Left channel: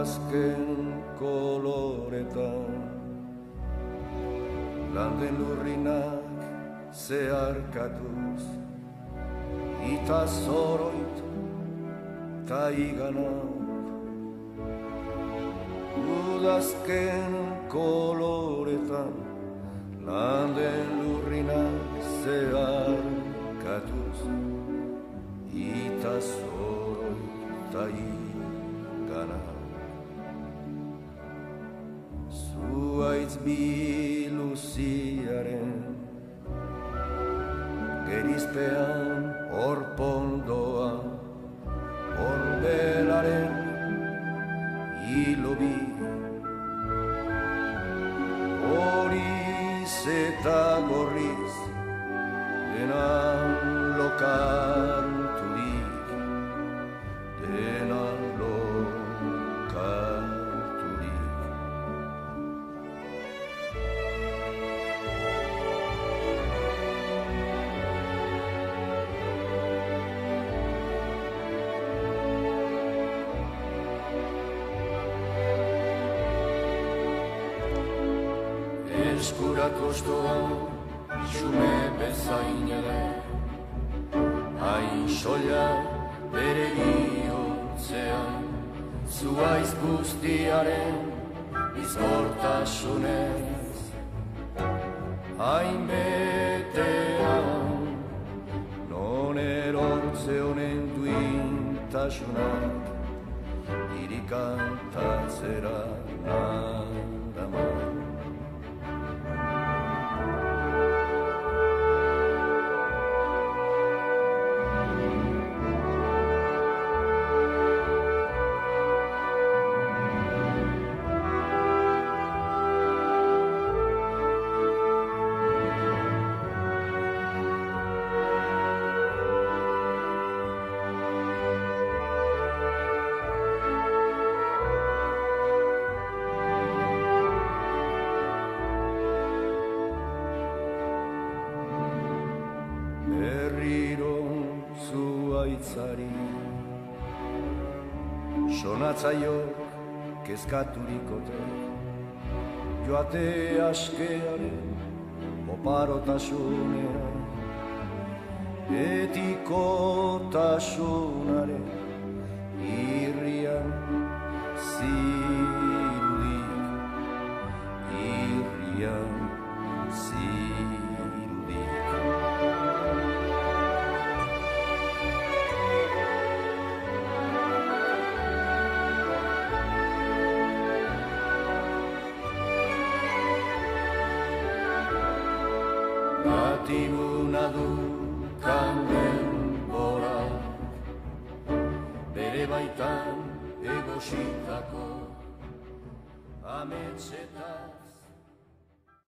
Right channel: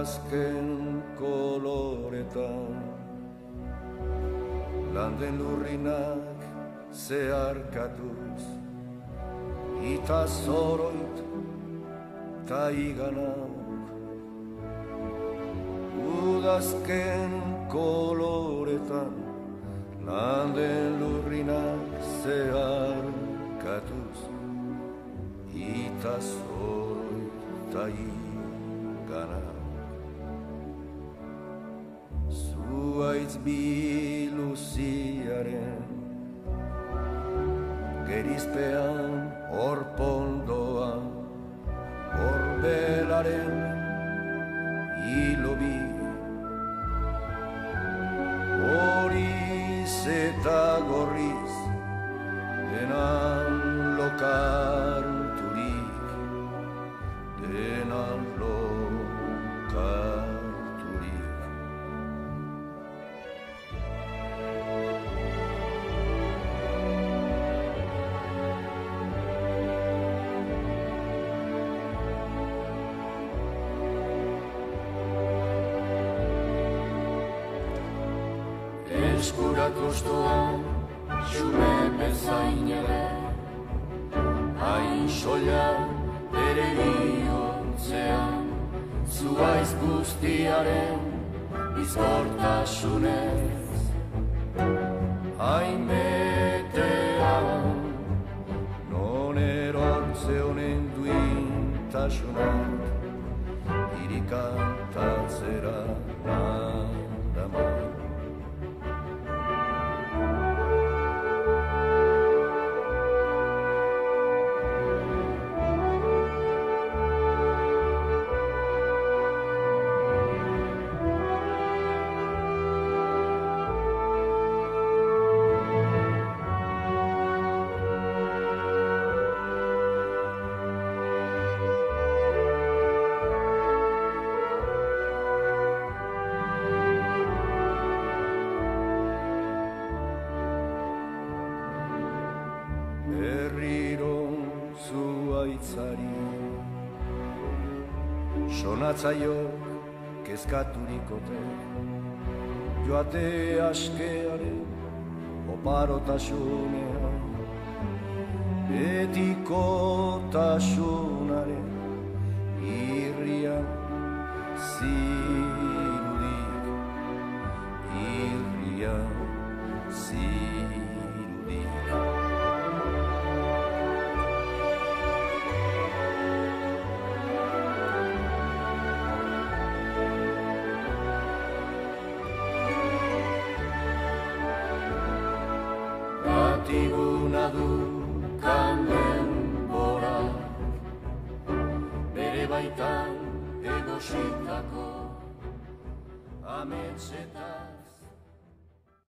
udazken koloretan, landen lurrinak zeharkatuz, ita zoroit ta iganauk. Udazken koloretan, landen lurrinak zeharkatuz, ita zoroit ta iganauk. Zuaitz biluziaren gerizpean orpondoa, orbelaren hilobi, horiz eta gorriz denan lokarturik, denan lokarturik. Eskuratu ostoan, xume bezain ere, hain soila bere bihotzean, zuaiz guztiaren bizkortasunez. Hain betean, non erortze honen duintasunak, irikantatzera nadaman. Berriro zuaitzari sonatzaiok kezkaturikote, joate askearen oparotasunean, betikotasunaren irrian zirudik, irrian zirudik. Batiguna du kanden borak, bere baitan egositako ametsetan.